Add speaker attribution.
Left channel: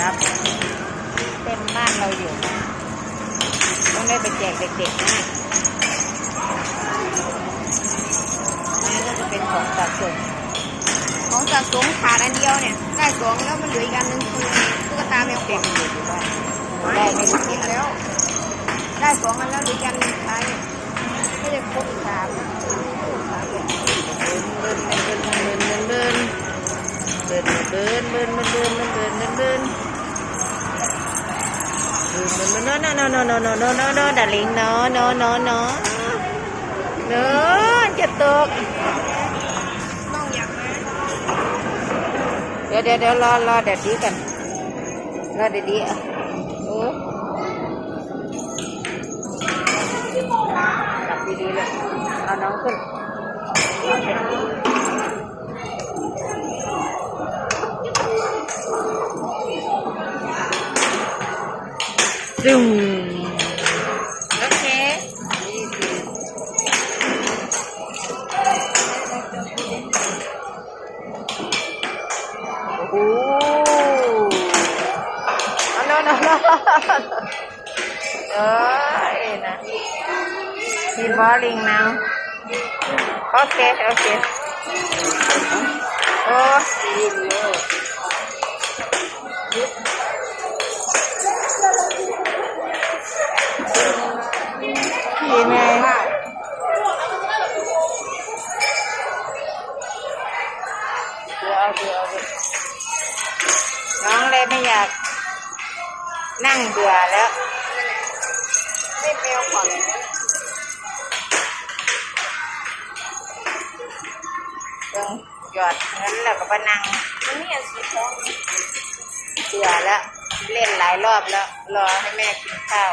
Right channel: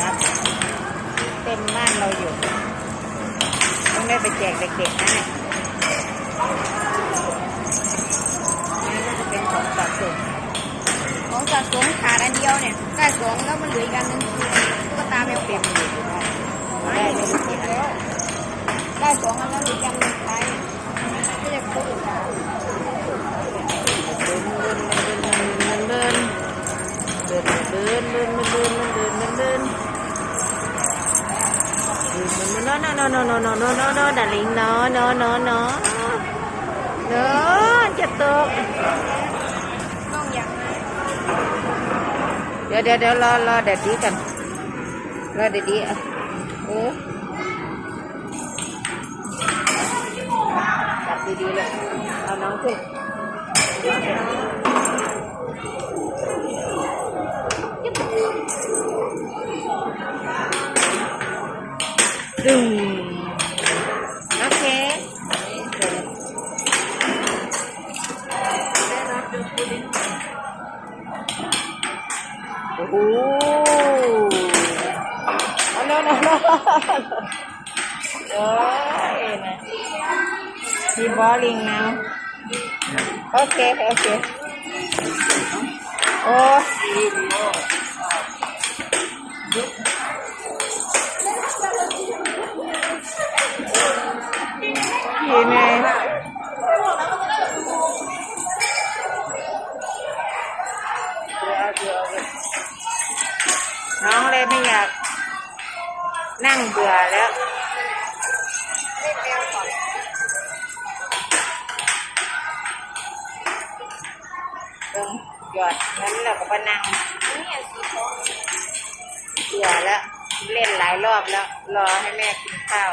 Speaker 1: รับเต็มบ้านเราอยู่ ต้องได้ไปแจกเด็กๆนะนี่ก็จะเป็นของสะสม
Speaker 2: ของสะสมขาดอันเดียวเนี่ยได้สองแล้วมันเหลืออีกอันนึงคือตุ๊กตาแมว
Speaker 1: เป็
Speaker 2: ด
Speaker 1: อยู่ที่บ้านได้ไม่รู้กี่
Speaker 2: แล้ว ได้สองอันแล้วเหลืออีกอันนึงใช้ก็จะครบอีกสาม
Speaker 1: bên bên bên bên bên bên bên bên. Bên bên nó nó nó nó nó nó nó nó đã liền nó nó nó nó nó chết tuột để để để lo lo, để đi cần lo, để đi ừ. Đặt đi đi lại nó nóng hơn Oke. Oh. Ano ano ano. Ay, na. Evolving now. Okay, okay. Oh, วเดี๋ยวเดี๋ยวน้องเลยไม่อยาก นั่งเบื่อแล้ว
Speaker 2: ไม่แมวขอน
Speaker 1: ต้องหยอดเงินแล้วก็มานั่ง
Speaker 2: อันนี้อันสีทอง
Speaker 1: เบื่อแล้ว เล่นหลายรอบแล้ว รอให้แม่กินข้าว